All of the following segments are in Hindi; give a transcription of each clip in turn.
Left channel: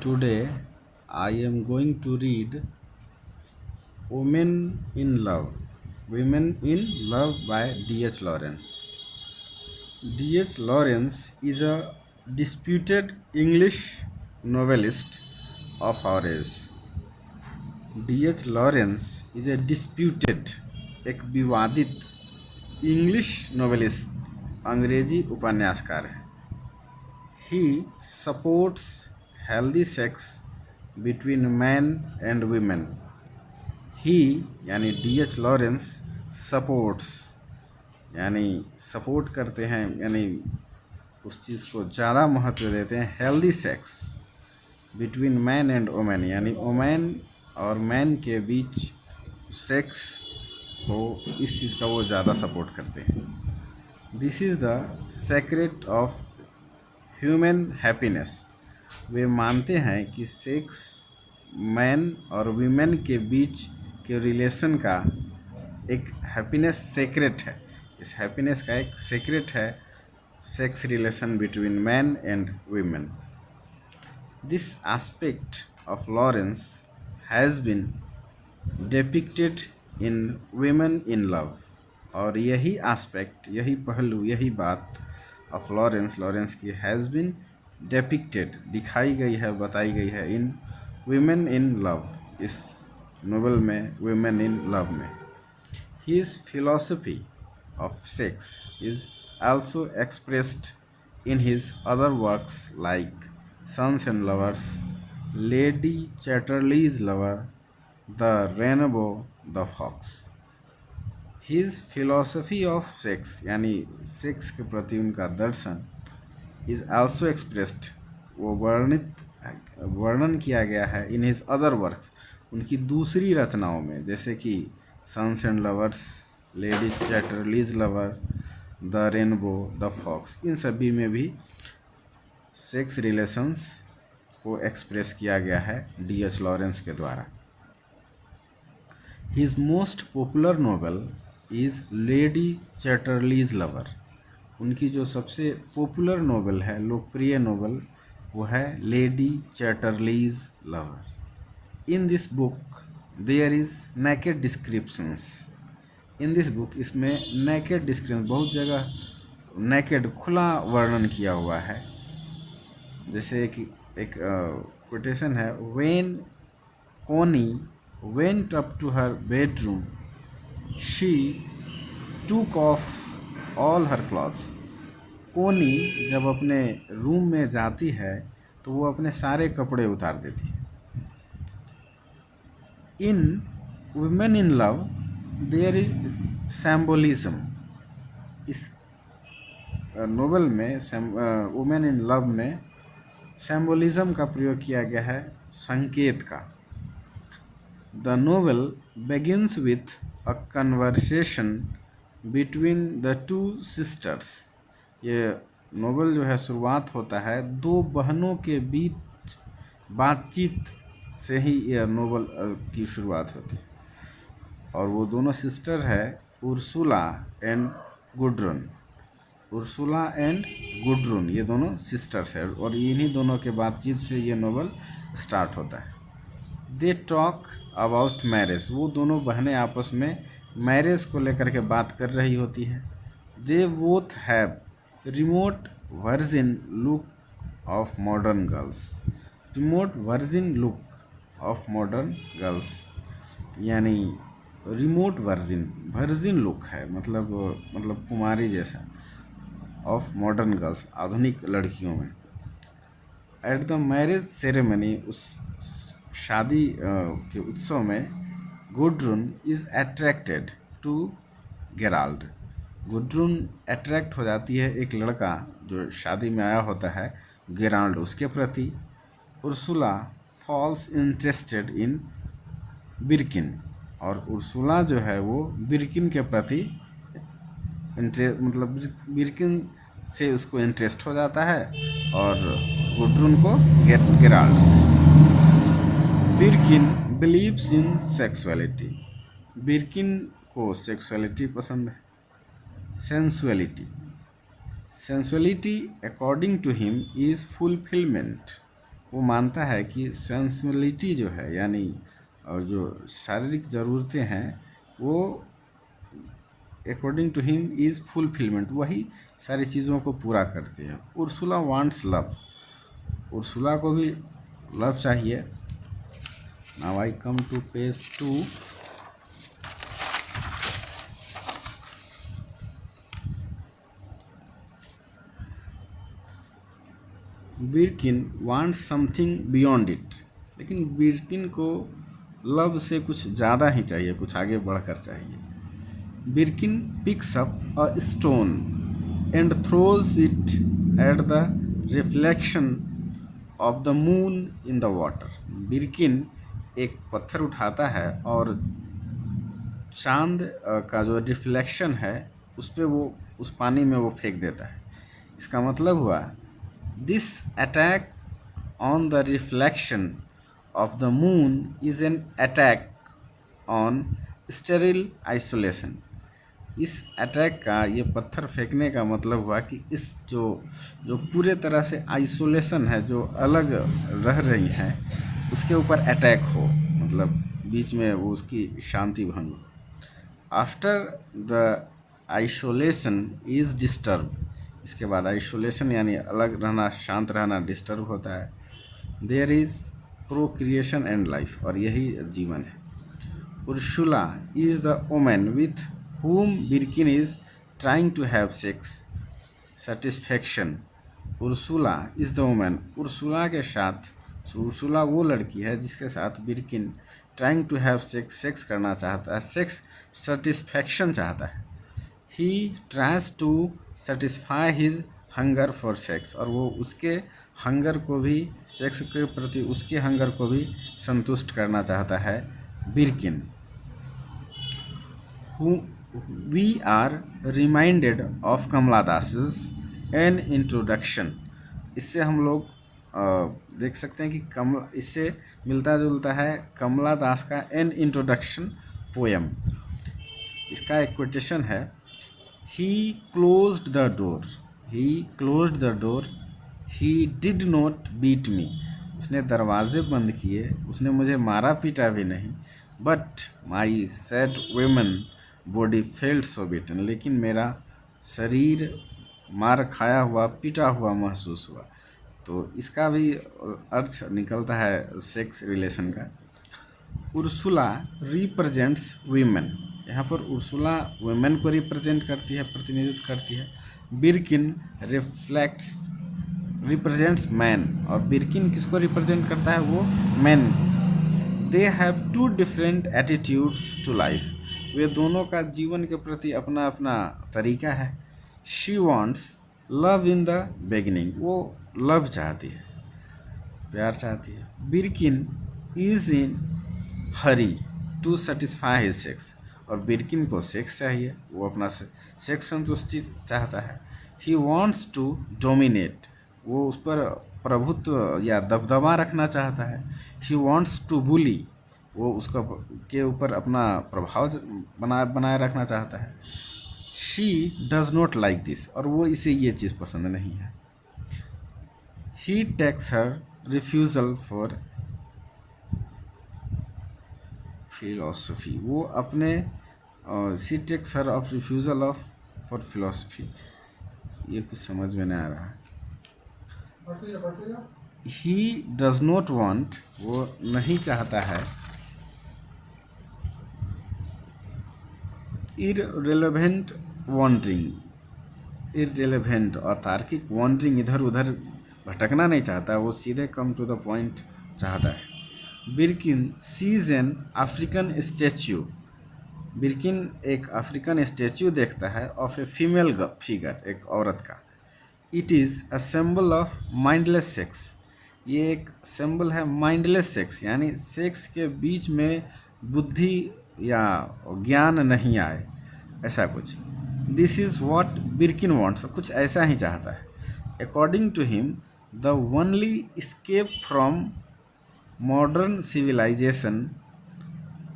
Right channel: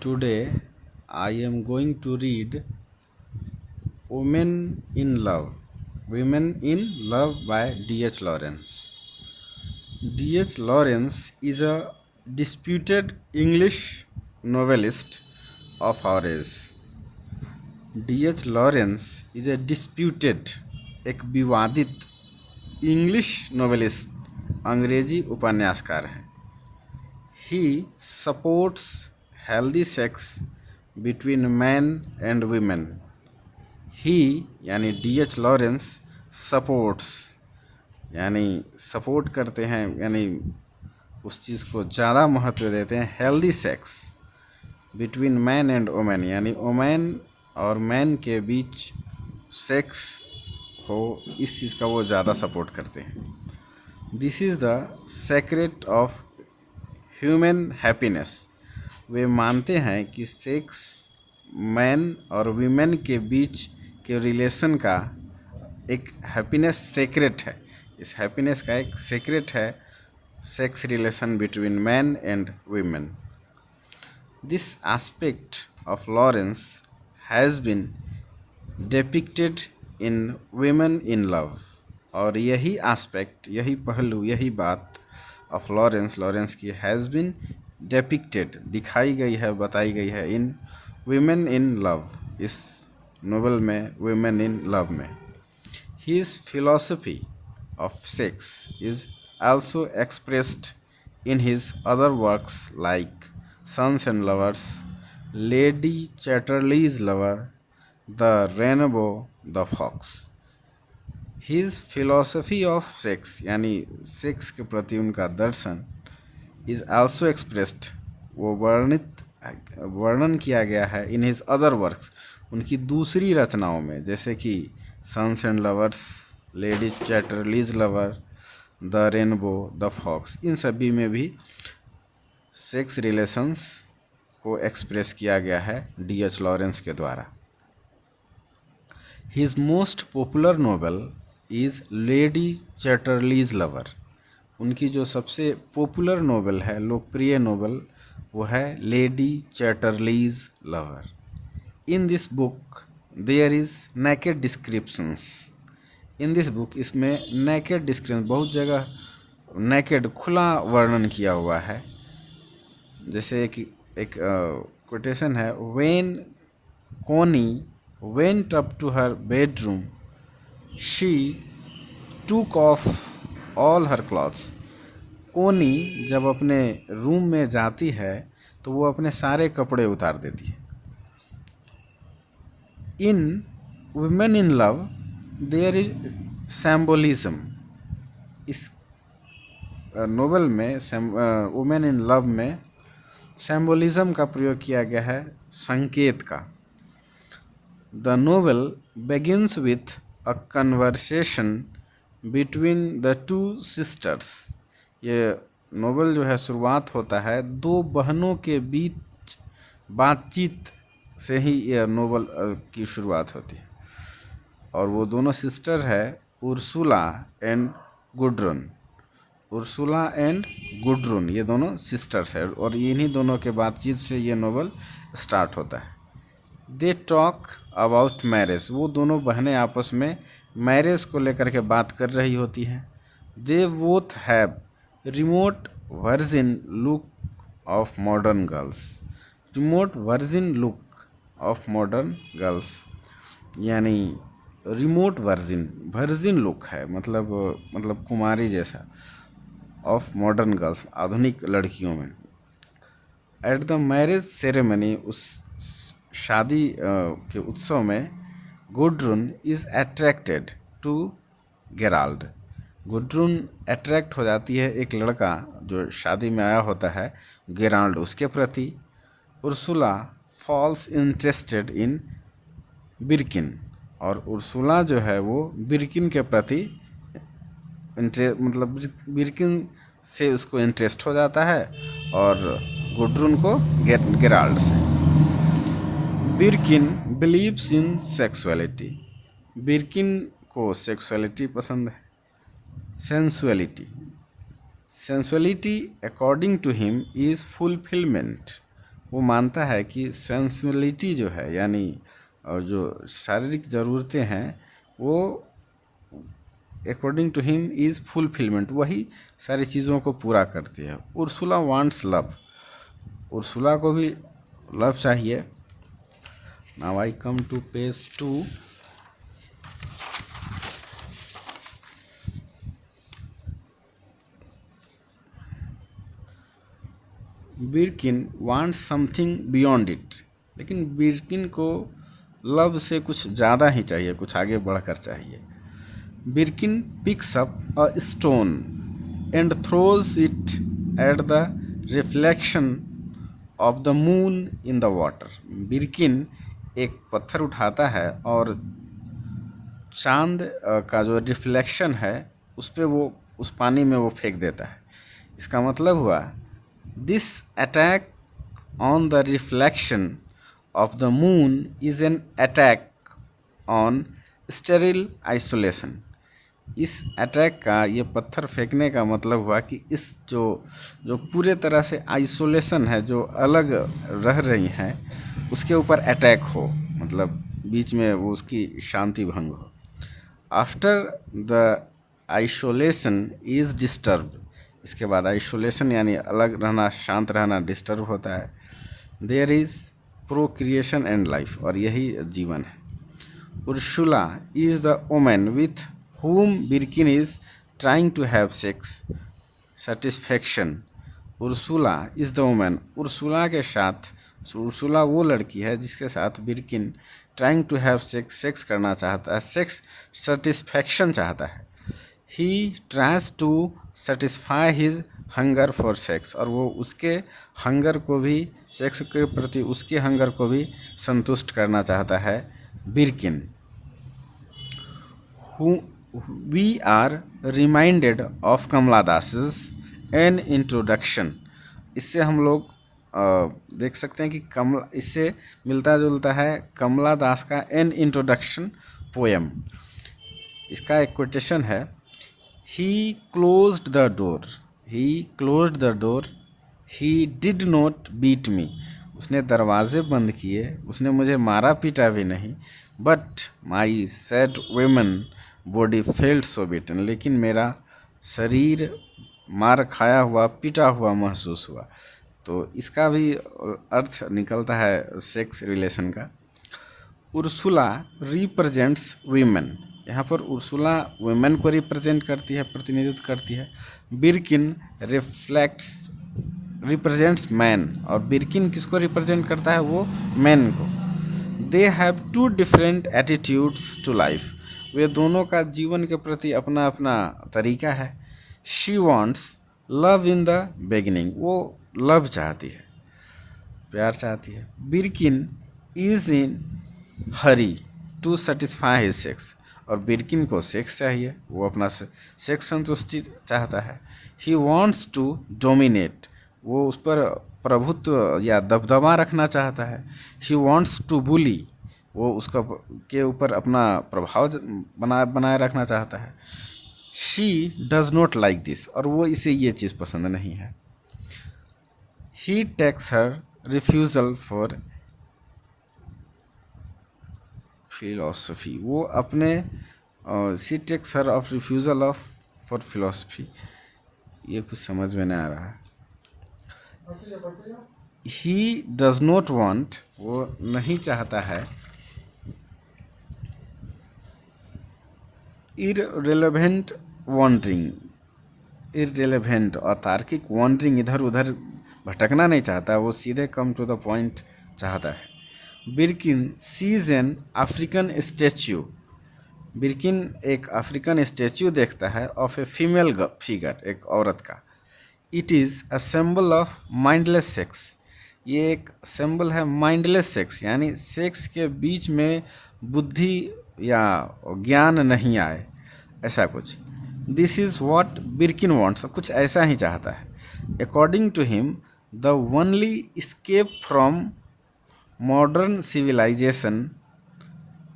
Today I am going to read Women in Love. Women in Love by D.H. Lawrence. D.H. Lawrence is a disputed English novelist of our age. D.H. Lawrence is a disputed, एक विवादित इंग्लिश नोवेलिस्ट, अंग्रेजी उपन्यासकार है. He supports healthy sex between men and women. ही यानी D.H. लॉरेंस सपोर्ट्स यानी सपोर्ट करते हैं, यानी उस चीज़ को ज़्यादा महत्व देते हैं. Healthy sex between man and women, यानी वुमेन और मैन के बीच सेक्स हो, इस चीज़ का वो ज़्यादा सपोर्ट करते हैं. This is the secret of human happiness. वे मानते हैं कि सेक्स मैन और वीमेन के बीच के रिलेशन का एक हैप्पीनेस सेक्रेट है. इस हैप्पीनेस का एक सेक्रेट है sex relation between man and women. This aspect of Lawrence has been depicted in Women in Love. और यही एस्पेक्ट, यही पहलू, यही बात ऑफ लॉरेंस की हैज़ बीन डिपिक्टेड, दिखाई गई है, बताई गई है इन वीमेन इन लव, इस नोवेल में वीमेन इन लव में. His philosophy of sex is also expressed in his other works like Sons and Lovers, Lady Chatterley's Lover, The Rainbow, The Fox. His philosophy of sex यानी सेक्स के प्रति उनका दर्शन is also expressed, वो वर्णन किया गया है इन हिज अदर वर्क्स, उनकी दूसरी रचनाओं में, जैसे कि Sons and Lovers, Lady Chatterley's Lover, the Rainbow, the Fox. इन सभी में भी सेक्स रिलेशंस को एक्सप्रेस किया गया है D.H. लॉरेंस के द्वारा. His most popular novel is lady Chatterley's lover. उनकी जो सबसे पॉपुलर नोवेल है, लोकप्रिय नोवेल, वो है Lady Chatterley's Lover. In this book there is naked descriptions. In this book, इसमें नेकेड डिस्क्रिप्शन, बहुत जगह नेकेड, खुला वर्णन किया हुआ है. जैसे कि एक कोटेशन है, when Connie went up to her bedroom she took off all her clothes. Connie जब अपने रूम में जाती है तो वो अपने सारे कपड़े उतार देती है. In Women in Love there is symbolism. इस नोवेल में, वुमेन इन लव में सिंबलिज्म का प्रयोग किया गया है, संकेत का. The novel begins with a conversation between the two sisters. ये नोवेल जो है शुरुआत होता है दो बहनों के बीच बातचीत से ही यह नोवेल की शुरुआत होती है. और वो दोनों सिस्टर है उर्सुला एंड गुड्रुन. उर्सुला एंड गुड्रुन, ये दोनों सिस्टर्स है, और इन्हीं दोनों के बातचीत से ये नोवेल स्टार्ट होता है. They talk about marriage. वो दोनों बहनें आपस में मैरिज को लेकर के बात कर रही होती हैं. They both have remote virgin look of modern girls. Remote virgin look of modern girls यानी रिमोट वर्जिन लुक है, मतलब कुमारी जैसा, ऑफ मॉडर्न गर्ल्स, आधुनिक लड़कियों में. एट द मैरिज सेरेमनी, उस शादी के उत्सव में, Gudrun is attracted to Gerald. Gudrun attract हो जाती है एक लड़का जो शादी में आया होता है, गेराल्ड, उसके प्रति. Ursula falls interested in Birkin. और उर्सुला जो है वो बिरकिन के प्रति मतलब बिरकिन से उसको इंटरेस्ट हो जाता है, और गुड्रुन को गेराल्ड से. बिरकिन बिलीव्स इन सेक्सुअलिटी. बिरकिन को सेक्सुअलिटी पसंद है. Sensuality according to him is fulfilment. वो मानता है कि सेंसुअलिटी जो है, यानी और जो शारीरिक ज़रूरतें हैं, वो according to him is fulfilment, वही सारी चीज़ों को पूरा करती है। उर्सुला वांट्स लव, उर्सुला को भी लव चाहिए। Now I come to page 2। Birkin wants something beyond it, लेकिन बिरकिन को लव से कुछ ज़्यादा ही चाहिए, कुछ आगे बढ़कर चाहिए। बिरकिन picks up a stone and throws it at the reflection of the moon in the water. बिरकिन एक पत्थर उठाता है और चांद का जो रिफ्लेक्शन है उस पे वो, उस पानी में वो फेंक देता है। इसका मतलब हुआ, this attack on the reflection of the moon is an attack on sterile isolation. इस अटैक का, ये पत्थर फेंकने का मतलब हुआ कि इस जो जो पूरे तरह से आइसोलेशन है, जो अलग रह रही हैं, उसके ऊपर अटैक हो, मतलब बीच में वो उसकी शांति भंग हो। After the isolation is disturb, इसके बाद आइसोलेशन यानी अलग रहना, शांत रहना डिस्टर्ब होता है। There is procreation and life, और यही जीवन है। Ursula is the women with whom Birkin is trying to have sex satisfaction। Ursula is the women, Ursula के साथ, उर्सुला वो लड़की है जिसके साथ Birkin trying to have sex, sex करना चाहता है, सेक्स सेटिस्फैक्शन चाहता है। He tries to satisfy his hunger for sex, और वो उसके हंगर को भी, सेक्स के प्रति उसके हंगर को भी संतुष्ट करना चाहता है Birkin. We are reminded of Kamala Das's an introduction. इससे हम लोग देख सकते हैं कि कमला, इससे मिलता जुलता है कमला दास का एन इंट्रोडक्शन पोएम। इसका एक कोटेशन है, he closed the door, he closed the door, he did not beat me. उसने दरवाजे बंद किए, उसने मुझे मारा पीटा भी नहीं। But my sad woman body felt so beaten, लेकिन मेरा शरीर मार खाया हुआ, पिटा हुआ महसूस हुआ। तो इसका भी अर्थ निकलता है सेक्स रिलेशन का। उर्सुला रिप्रेजेंट्स वीमेन, यहाँ पर उर्सुला वुमेन को रिप्रेजेंट करती है, प्रतिनिधित्व करती है। बिरकिन रिप्रेजेंट्स मैन, और बिरकिन किसको रिप्रेजेंट करता है, वो मैन को। They have two different attitudes to life, वे दोनों का जीवन के प्रति अपना अपना तरीका है। She wants love in the beginning, वो लव चाहती है, प्यार चाहती है। Birkin is in hurry to satisfy his sex, और बिरकिन को सेक्स चाहिए, वो अपना सेक्स संतुष्टि चाहता है। ही वॉन्ट्स टू डोमिनेट, वो उस पर प्रभुत्व या दबदबा रखना चाहता है। ही वॉन्ट्स टू बुली, वो उसका के ऊपर अपना प्रभाव बनाए रखना चाहता है। She does not like this, और वो इसे ये चीज़ पसंद नहीं है। He takes her refusal for philosophy, वो अपने she takes her of refusal of for philosophy, ये कुछ समझ में नहीं आ रहा है। ही डज नॉट वॉन्ट, वो नहीं चाहता है। इररिलेवेंट वॉन्डरिंग, इररिलेवेंट और तार्किक वॉन्डरिंग, इधर उधर भटकना नहीं चाहता, वो सीधे कम टू द पॉइंट चाहता है। Birkin sees an African statue, Birkin एक अफ्रीकन स्टैच्यू देखता है ऑफ ए फीमेल फिगर, एक औरत का। It is a symbol of mindless sex, ये एक सिंबल है माइंडलेस सेक्स, यानी सेक्स के बीच में बुद्धि या ज्ञान नहीं आए, ऐसा कुछ। This is what Birkin wants, कुछ ऐसा ही चाहता है। According to him the only escape from modern civilisation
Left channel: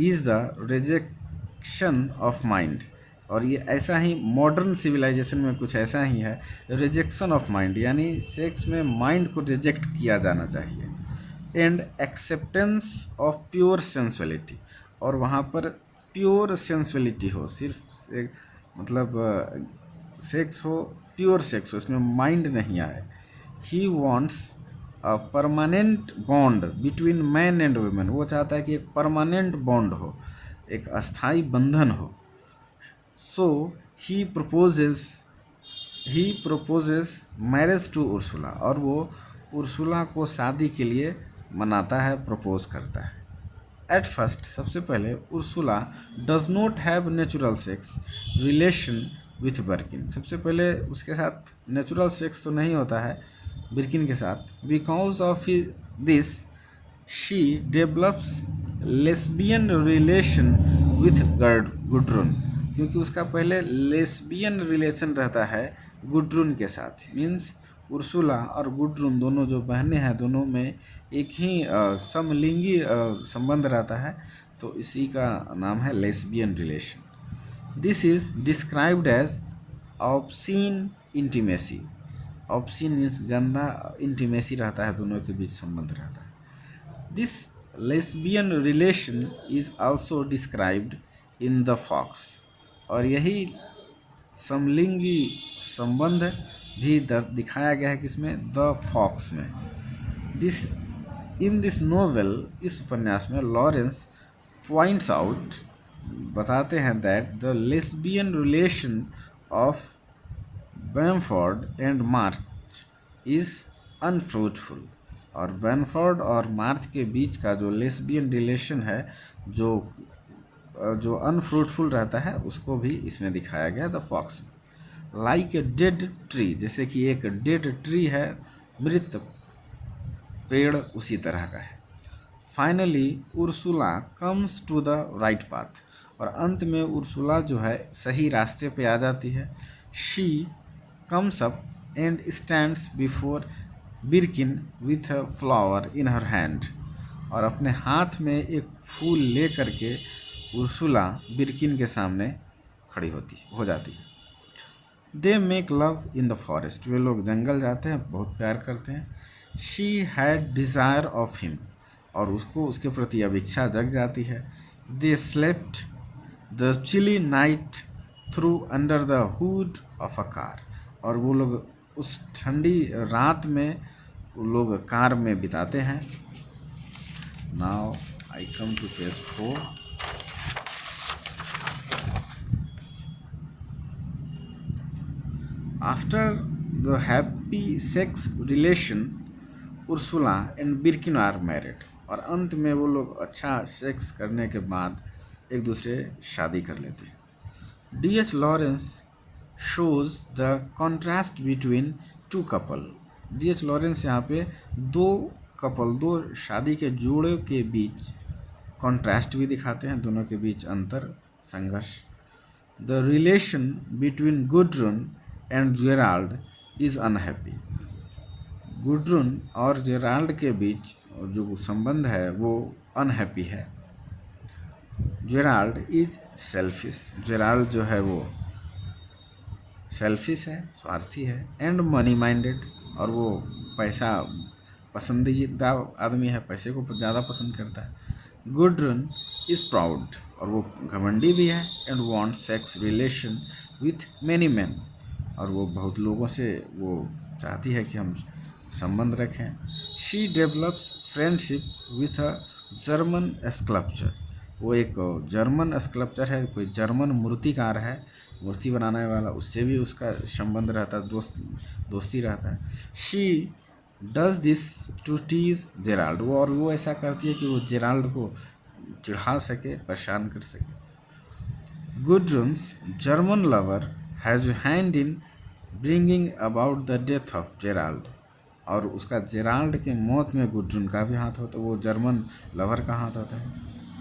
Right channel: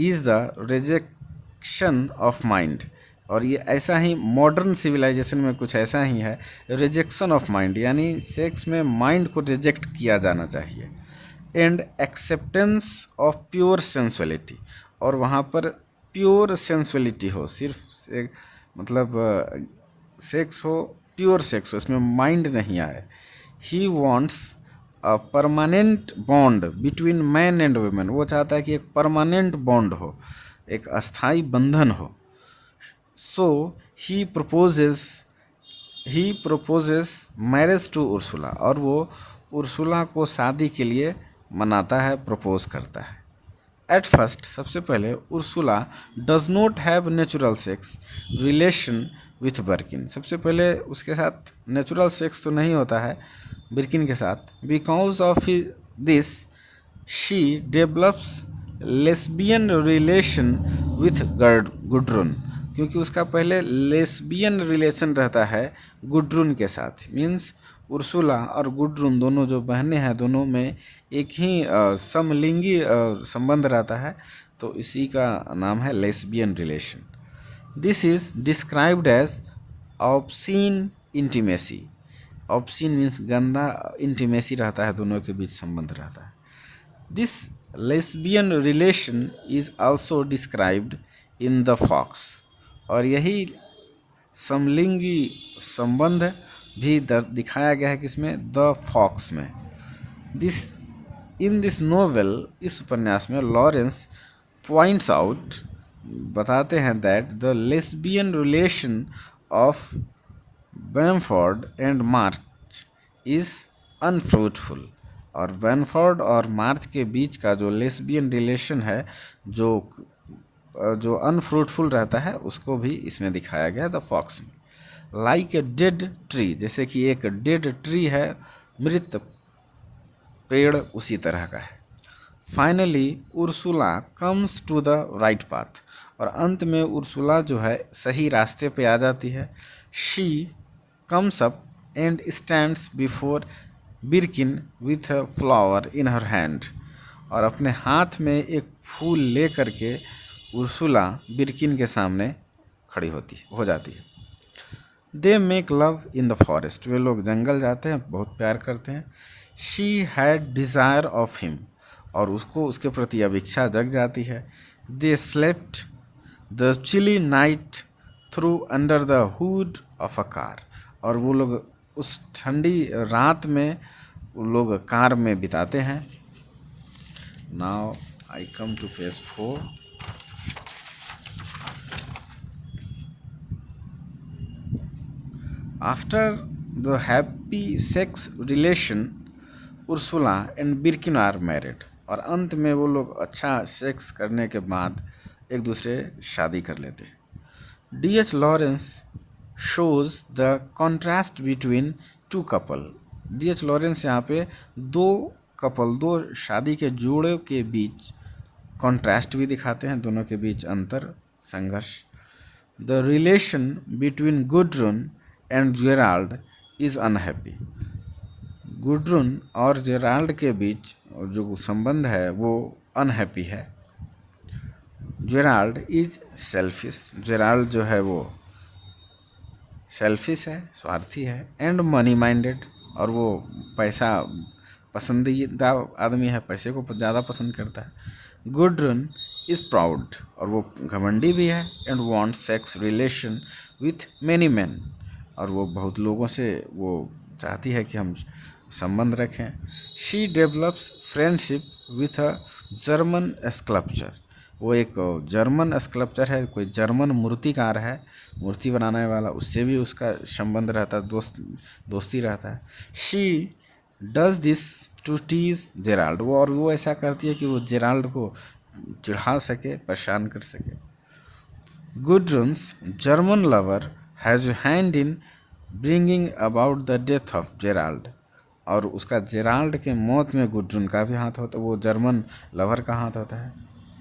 is the rejection of mind. और ये ऐसा ही मॉडर्न सिविलाइजेशन में कुछ ऐसा ही है, रिजेक्शन ऑफ माइंड, यानी सेक्स में माइंड को रिजेक्ट किया जाना चाहिए, and acceptance of pure sensuality, और वहाँ पर प्योर सेंसुअलिटी हो, सिर्फ मतलब सेक्स हो, प्योर सेक्स हो, इसमें माइंड नहीं आए। He wants a permanent bond between man and women, वो चाहता है कि एक परमानेंट बॉन्ड हो, एक अस्थाई बंधन हो। So he proposes he proposes marriage to Ursula, और वो उर्सुला को शादी के लिए मनाता है, प्रपोज करता है। एट फर्स्ट, सबसे पहले Ursula does not have natural sex relation with Birkin, सबसे पहले उसके साथ नेचुरल सेक्स तो नहीं होता है बिर्किन के साथ। Because of this she develops lesbian relation with Gudrun, क्योंकि उसका पहले लेस्बियन रिलेशन रहता है गुड्रुन के साथ। मीन्स उर्सुला और गुड्रुन दोनों जो बहनें हैं, दोनों में एक ही समलिंगी संबंध रहता है, तो इसी का नाम है lesbian relation. This is described as obscene intimacy, obscene means गंदा, इंटीमेसी रहता है, दोनों के बीच संबंध रहता है। This lesbian relation is also described in the Fox, और यही समलिंगी संबंध भी दिखाया गया है किसमें, द फॉक्स में। दिस नोवेल, इस उपन्यास में लॉरेंस पॉइंट्स आउट, बताते हैं that the lesbian relation of Bamford and March is unfruitful, और बैमफोर्ड और मार्च के बीच का जो लेस्बियन रिलेशन है, जो अनफ्रूटफुल रहता है, उसको भी इसमें दिखाया गया द फॉक्स में। लाइक ए डेड ट्री, जैसे कि एक डेड ट्री है, मृत पेड़ उसी तरह का है। Finally Ursula comes to the right path, और अंत में उर्सुला जो है सही रास्ते पे आ जाती है। She comes up and stands before Birkin with a flower in her hand, और अपने हाथ में एक फूल ले करके उर्सुला बिर्किन के सामने खड़ी हो जाती है। They make love in the forest, वे लोग जंगल जाते हैं, बहुत प्यार करते हैं। She had desire of him, और उसको उसके प्रति अब इच्छा जग जाती है। They slept the chilly night through under the hood of a car, और वो लोग उस ठंडी रात में वो लोग कार में बिताते हैं। Now I come to page 4। After the happy sex relation, Ursula and Birkin are married, और अंत में वो लोग अच्छा सेक्स करने के बाद एक दूसरे शादी कर लेते हैं। D.H. Lawrence shows the contrast between two couple, D.H. Lawrence यहाँ पे दो शादी के जोड़े के बीच कॉन्ट्रास्ट भी दिखाते हैं, दोनों के बीच अंतर, संघर्ष। The relation between Gudrun and Gerald is unhappy, Gudrun और जेराल्ड के बीच जो संबंध है वो अनहैप्पी है। जेराल्ड इज सेल्फिश, जेराल्ड जो है वो सेल्फिश है, स्वार्थी है, एंड मनी माइंडेड, और वो पैसा पसंदीदा आदमी है, पैसे को ज़्यादा पसंद करता है। गुड्रुन इज़ प्राउड, और वो घमंडी भी है, and want sex relation with many man, और वो बहुत लोगों से वो चाहती है कि हम संबंध रखें। She develops friendship with a German sculpture, वो एक जर्मन स्कल्पचर है, कोई जर्मन मूर्तिकार है, मूर्ति बनाने वाला, उससे भी उसका संबंध रहता है, दोस्ती रहता है। She does this to tease Gerald, और वो ऐसा करती है कि वो जेराल्ड को चिढ़ा सके, परेशान कर सके। Gudrun's German lover has hand in bringing about the death of Gerald, और उसका जेराल्ड के मौत में गुड्रुन का भी हाथ होता है, वो जर्मन लवर का हाथ होता है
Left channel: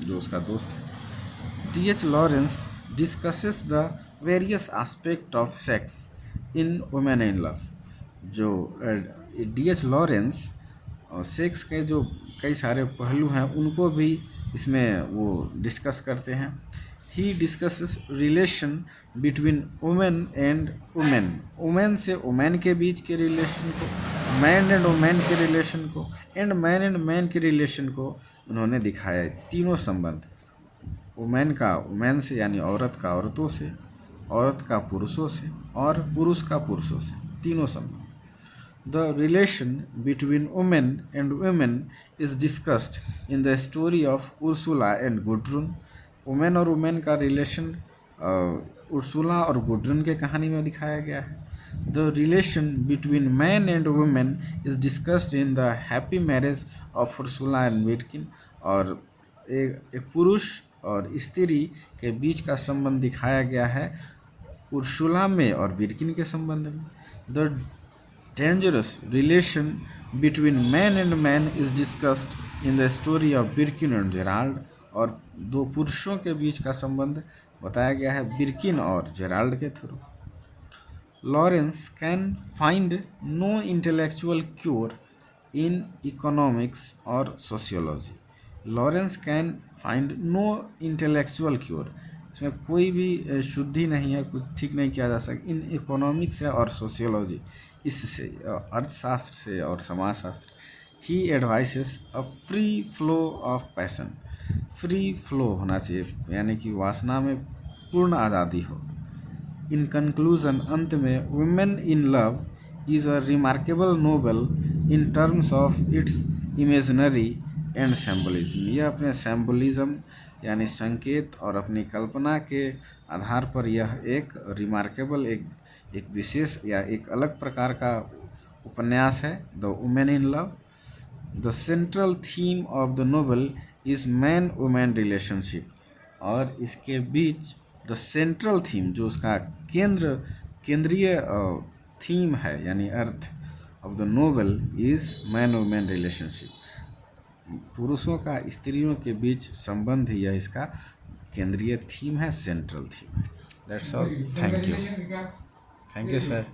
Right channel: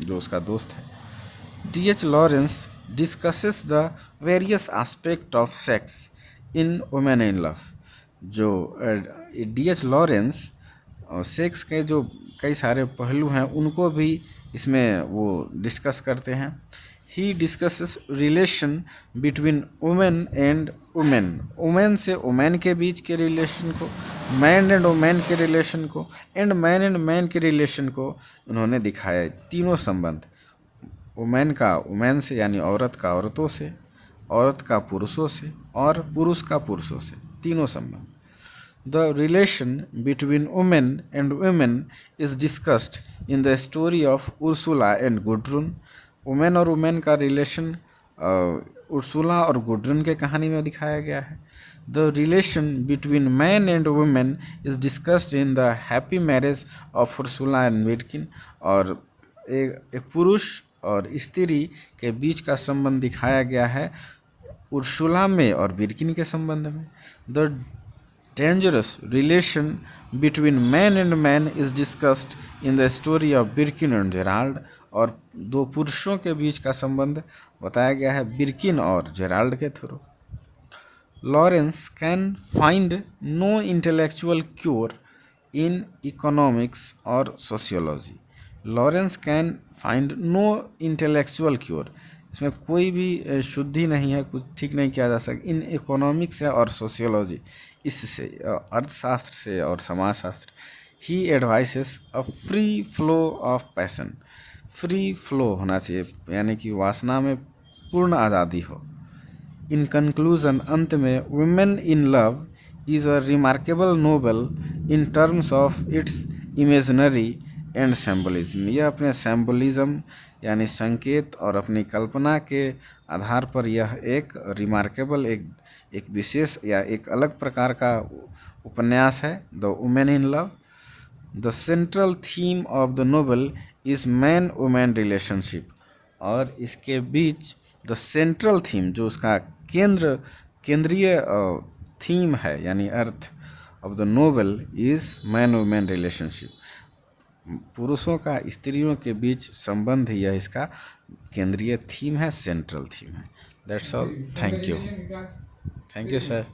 जो उसका दोस्त है। D.H. Lawrence discusses the various aspect of sex in Women in love, जो D.H. लॉरेंस सेक्स के जो कई सारे पहलू हैं उनको भी इसमें वो डिस्कस करते हैं। He discusses relation between women and women, women से वुमेन के बीच के रिलेशन को, मैन एंड वुमेन के रिलेशन को, एंड मैन के रिलेशन को उन्होंने दिखाया है। तीनों संबंध, वुमेन का वुमेन से यानी औरत का औरतों से, औरत का पुरुषों से और पुरुष का पुरुषों से, तीनों संबंध। The relation between women and women is discussed in the story of Ursula and Gudrun. Women और वुमेन का रिलेशन उर्सुला और गुड्रन के कहानी में दिखाया गया है। The relation between man and women is discussed in the happy marriage of Ursula and Birkin, और एक पुरुष और स्त्री के बीच का संबंध दिखाया गया है उर्सुला में और विडकिन के संबंध में। The dangerous relation between man and man is discussed in the story of Birkin and Gerald, और दो पुरुषों के बीच का संबंध बताया गया है बिर्किन और जेराल्ड के थ्रू। Lawrence can find no intellectual cure in economics और sociology. Lawrence can find no intellectual cure, इसमें कोई भी शुद्धि नहीं है, कुछ ठीक नहीं किया जा सकता। इन इकोनॉमिक्स से और सोशियोलॉजी, इससे अर्थशास्त्र से और समाजशास्त्र। He advises a free flow of passion, free flow होना चाहिए यानी कि वासना में पूर्ण आज़ादी हो। इन कंक्लूजन, अंत में, Women in love is a remarkable novel in terms of its imaginary and symbolism. यह अपने सिंबलिज्म यानी संकेत और अपनी कल्पना के आधार पर यह एक रिमार्केबल, एक विशेष या एक अलग प्रकार का उपन्यास है, the women in love. The central theme of the novel is man women relationship, और इसके बीच द सेंट्रल थीम, जो उसका केंद्रीय थीम है यानी अर्थ of the novel is man women relationship. पुरुषों का स्त्रियों के बीच संबंध ही यह इसका केंद्रीय थीम है, सेंट्रल थीम है। That's all, thank you. Thank you, sir.